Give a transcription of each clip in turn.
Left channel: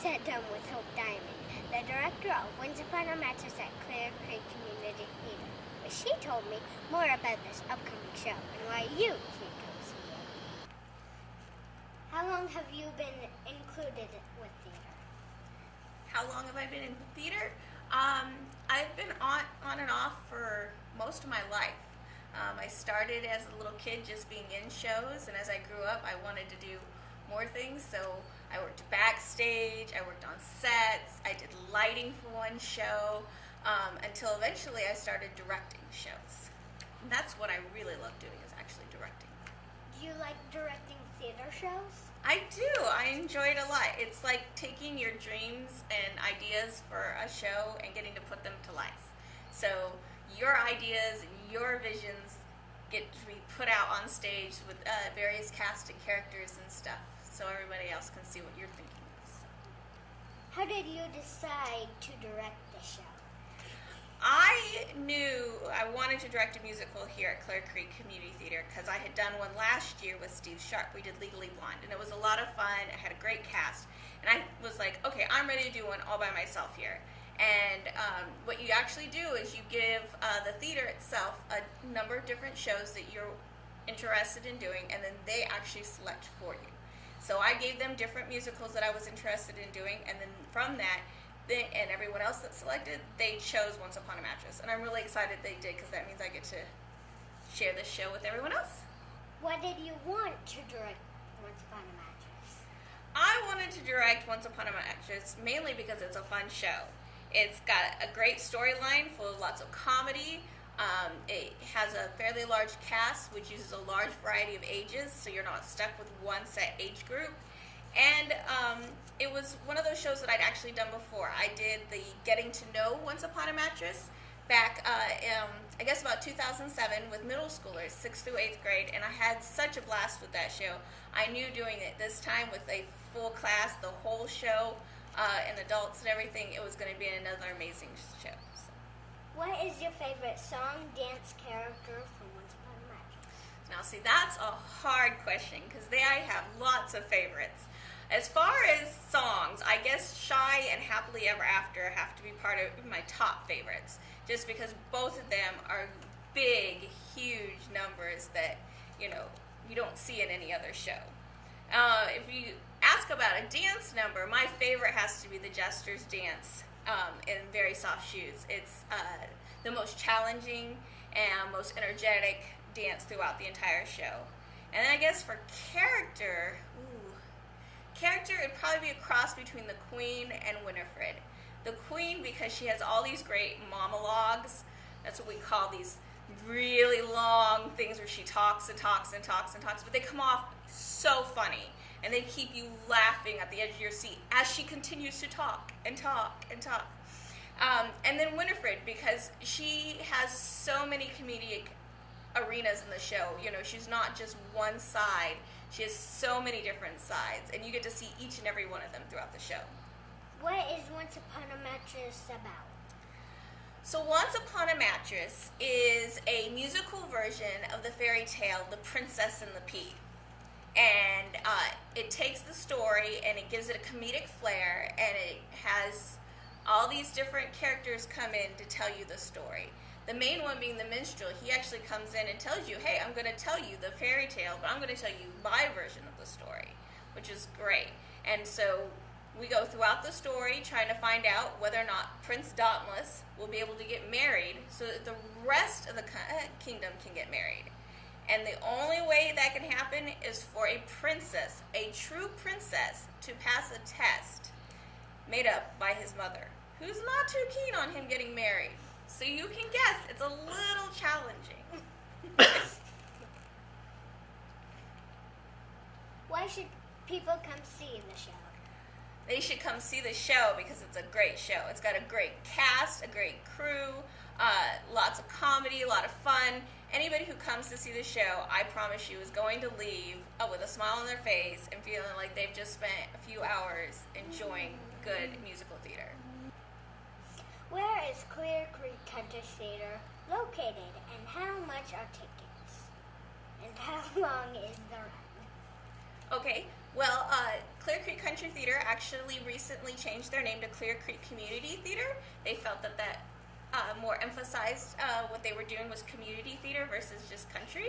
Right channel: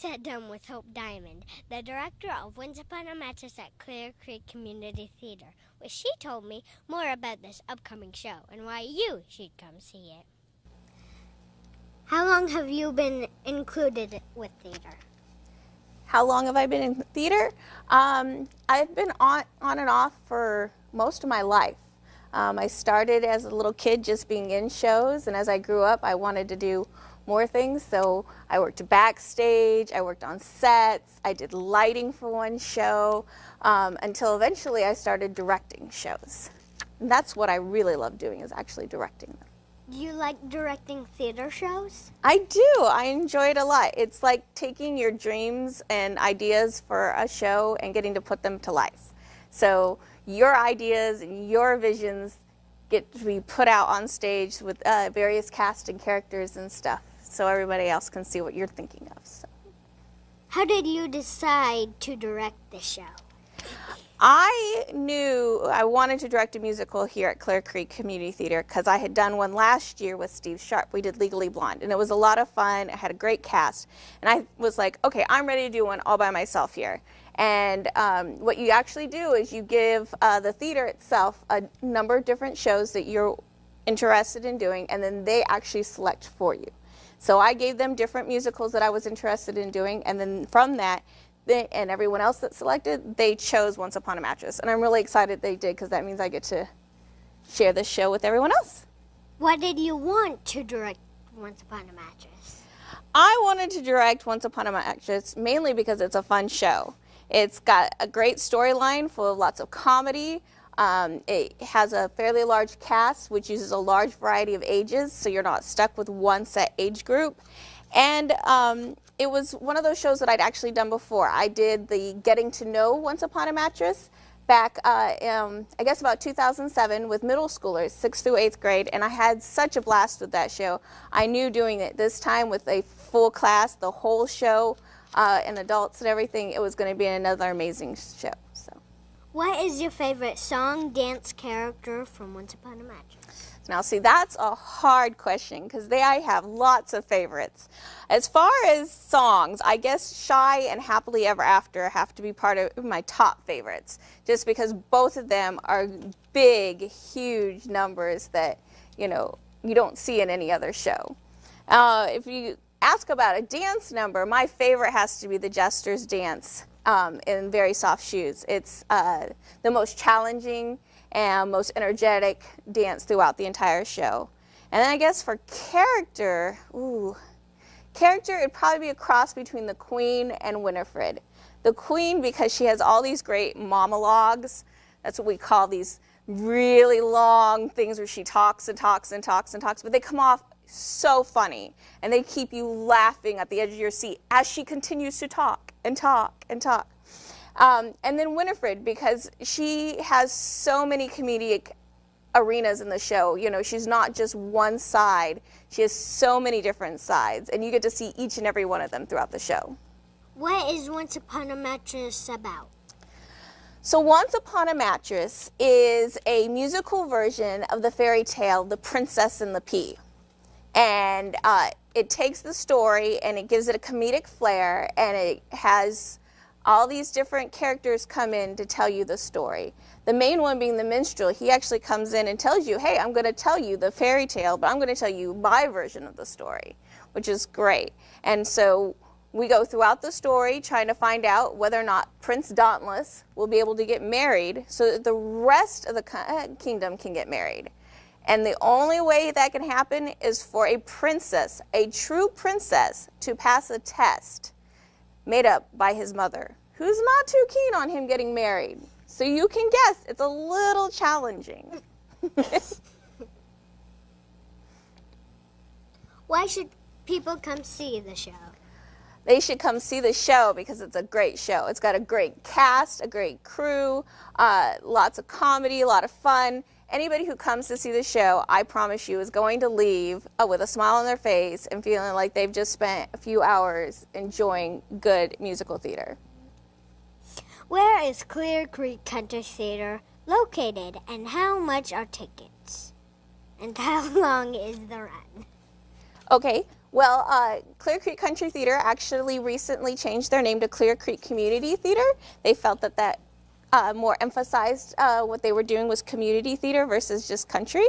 sat down with Hope Diamond, the director of Once Upon a Mattress at Clear Creek Community Theater. But she told me more about this upcoming show and why you should come see it. How long have you been included with theater? How long have I been in theater? I've been on and off for most of my life. I started as a little kid just being in shows, and as I grew up, I wanted to do more things. So I worked backstage, I worked on sets, I did lighting for one show, until eventually I started directing shows. And that's what I really love doing, is actually directing them. Do you like directing theater shows? I do. I enjoy it a lot. It's like taking your dreams and ideas for a show and getting to put them to life. So your ideas and your visions get to be put out on stage with various cast and characters and stuff, so everybody else can see what you're thinking of. So. How did you decide to direct the show? I knew I wanted to direct a musical here at Clear Creek Community Theater because I had done one last year with Steve Sharp. We did Legally Blonde, and it was a lot of fun. It had a great cast, and I was like, okay, I'm ready to do one all by myself here. And what you actually do is you give the theater itself a number of different shows that you're interested in doing, and then they actually select for you. So I gave them different musicals that I was interested in doing, and then from that, and everyone else that selected, they chose Once Upon a Mattress. And I'm really excited they did, because that means I get to share this show with everyone else. Why did you want to direct Once Upon a Mattress? I wanted to direct Once Upon a Mattress mainly because it's a fun show. It's got a great storyline full of lots of comedy. It has a fairly large cast, which uses a large variety of ages, so you're not stuck with one set age group. And it was one of those shows that I'd actually done before. I did the Getting to Know Once Upon a Mattress back in, I guess, about 2007 with middle schoolers, 6th through 8th grade, and I had such a blast with that show. I knew doing it this time with a full class, the whole show, and adults and everything, it was going to be another amazing show. So. What is your favorite song, dance, character from Once Upon a Mattress? Now, see, that's a hard question because I have lots of favorites. As far as songs, I guess Shy and Happily Ever After have to be part of my top favorites, just because both of them are big, huge numbers that, you don't see in any other show. If you ask about a dance number, my favorite has to be the Jester's Dance in Very Soft Shoes. It's the most challenging and most energetic dance throughout the entire show. And then I guess for character, it'd probably be a cross between the Queen and Winifred. The Queen, because she has all these great monologues. That's what we call these really long things where she talks and talks and talks and talks, but they come off so funny, and they keep you laughing at the edge of your seat as she continues to talk and talk and talk. And then Winifred, because she has so many comedic arenas in the show. She's not just one side. She has so many different sides, and you get to see each and every one of them throughout the show. What is Once Upon a Mattress about? So Once Upon a Mattress is a musical version of the fairy tale The Princess and the Pea. And it takes the story and it gives it a comedic flair, and it has all these different characters come in to tell you the story. The main one being the minstrel. He actually comes in and tells you, hey, I'm going to tell you the fairy tale, but I'm going to tell you my version of the story, which is great. And so we go throughout the story trying to find out whether or not Prince Dauntless will be able to get married so that the rest of the kingdom can get married. And the only way that can happen is for a princess, a true princess, to pass a test made up by his mother, who's not too keen on him getting married. So you can guess, it's a little challenging. Why should people come see the show? They should come see the show because it's a great show. It's got a great cast, a great crew, lots of comedy, a lot of fun. Anybody who comes to see the show, I promise you, is going to leave with a smile on their face and feeling like they've just spent a few hours enjoying good musical theater. Where is Clear Creek Country Theater located, and how much are tickets? And how long is the run? Okay, Well, Clear Creek Country Theater actually recently changed their name to Clear Creek Community Theater. They felt that more emphasized what they were doing was community theater versus just country.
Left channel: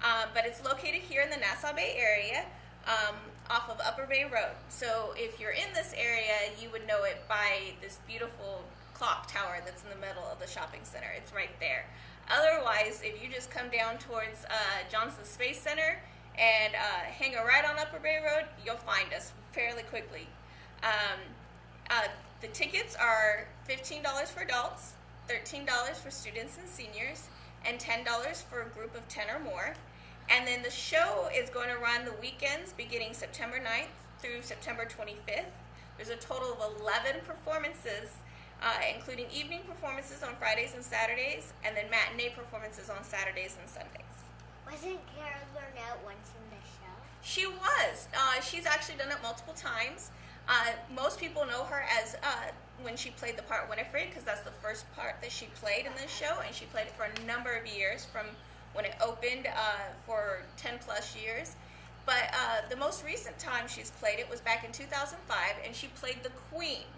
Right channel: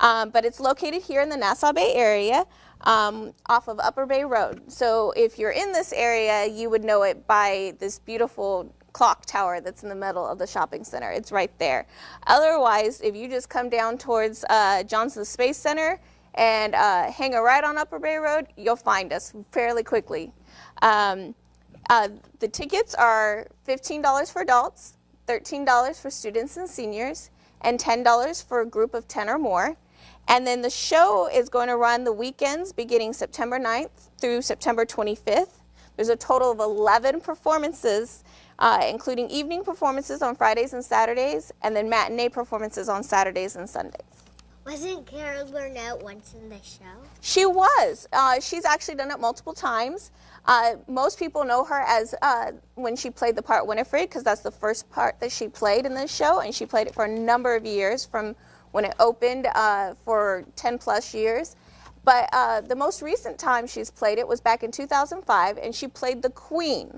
But it's located here in the Nassau Bay area off of Upper Bay Road. So if you're in this area, you would know it by this beautiful clock tower that's in the middle of the shopping center. It's right there. Otherwise, if you just come down towards Johnson Space Center and hang a right on Upper Bay Road, you'll find us fairly quickly. The tickets are $15 for adults, $13 for students and seniors, and $10 for a group of 10 or more. And then the show is going to run the weekends beginning September 9th through September 25th. There's a total of 11 performances, including evening performances on Fridays and Saturdays, and then matinee performances on Saturdays and Sundays. Wasn't Carol Burnett once in the show? She was. She's actually done it multiple times. Most people know her as when she played the part Winifred, because that's the first part that she played in this show, and she played it for a number of years from when it opened for 10 plus years. But the most recent time she's played it was back in 2005, and she played the Queen.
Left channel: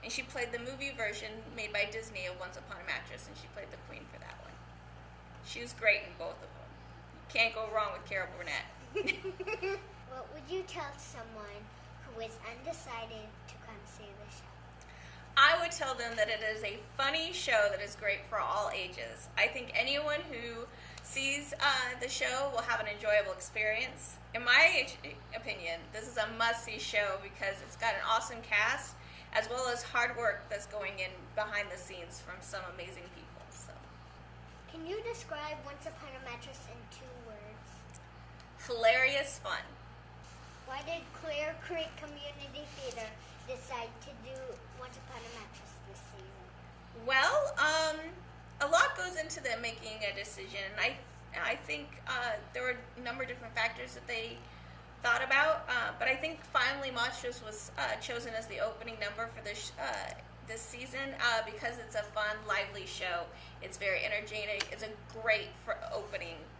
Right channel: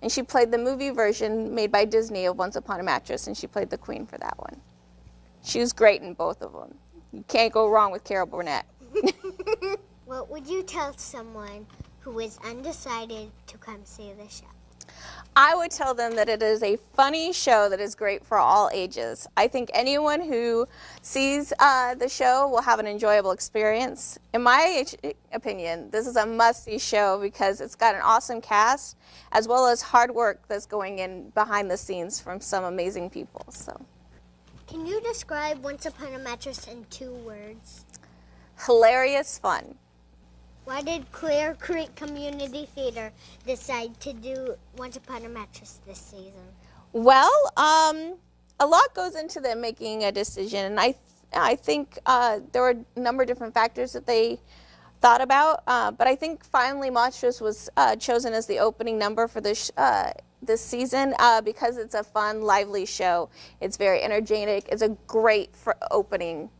And she played the movie version made by Disney of Once Upon a Mattress, and she played the Queen for that one. She was great in both of them. You can't go wrong with Carol Burnett. What would you tell someone who is undecided to come see the show? I would tell them that it is a funny show that is great for all ages. I think anyone who sees the show will have an enjoyable experience. In my opinion, this is a must-see show because it's got an awesome cast as well as hard work that's going in behind the scenes from some amazing people. So, can you describe Once Upon a Mattress in 2 words? Hilarious fun. Why did Clear Creek Community Theater decide to do Once Upon a Mattress this season? Well, a lot goes into them making a decision, and I think there were a number of different factors that they thought about, but I think finally Monstrous was chosen as the opening number for this season because it's a fun, lively show. It's very energetic. It's a great opening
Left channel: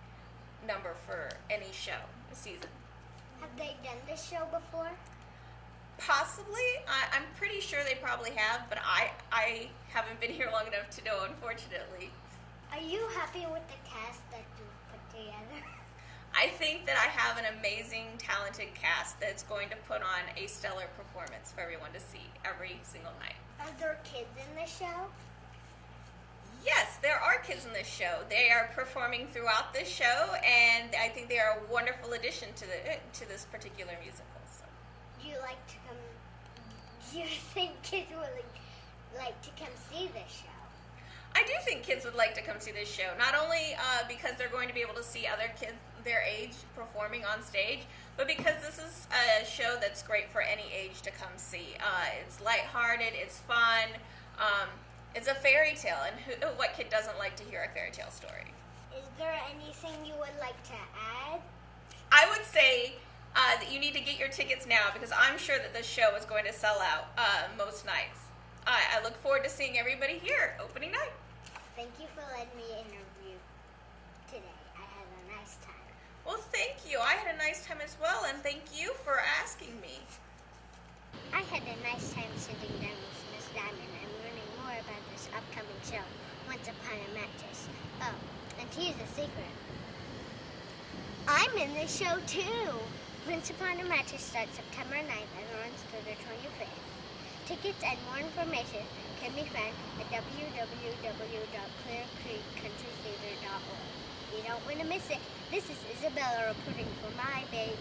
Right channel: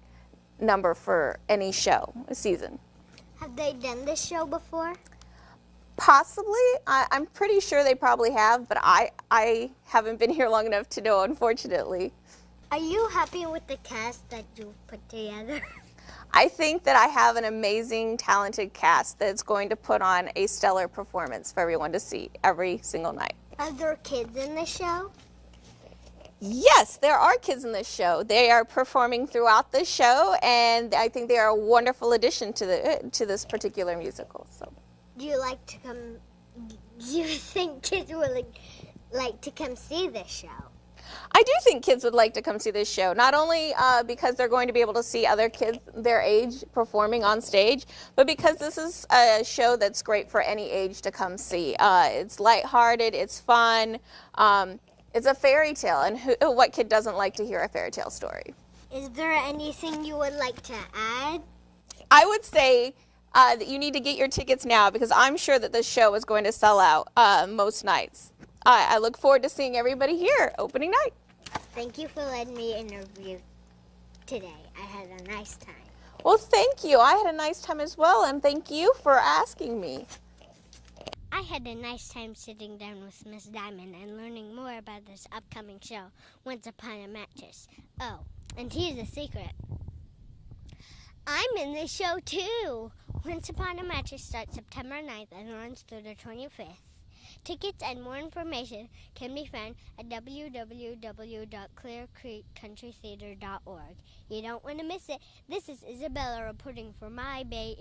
number for any show, a season. Have they done this show before? Possibly. I'm pretty sure they probably have, but I haven't been here long enough to know, unfortunately. Are you happy with the cast that you've put together? I think that I have an amazing, talented cast that's going to put on a stellar performance for everyone to see every single night. Are there kids in the show? Yes, there are kids in this show. They are performing throughout the show, and I think they are a wonderful addition to this particular musical. So, do you think kids would like to come see this show? I do think kids would like to come see this show, not only because they're going to be able to see other kids their age performing on stage, but because this is a show that's great for any age to come see. It's lighthearted, it's fun. It's a fairy tale, and what kid doesn't like to hear a fairy tale story? Is there anything you would like to add? I would say that you need to get your tickets now because I'm sure that this show is going to sell out most nights. I look forward to seeing everybody here opening night. Thank you for letting me interview today. I had a nice time. Well, thank you. I had a nice time as well, and thank you for asking me. I had a nice time sitting down with Miss Diamond and learning more about this upcoming show, Once Upon a Mattress. Oh, and here's a secret. I'm in this show too. Once Upon a Mattress starts September 9th and runs through the 25th. Tickets and more information can be found at www.clearcreekcountrytheater.org. You don't want to miss it. This is Isabella reporting for My Bay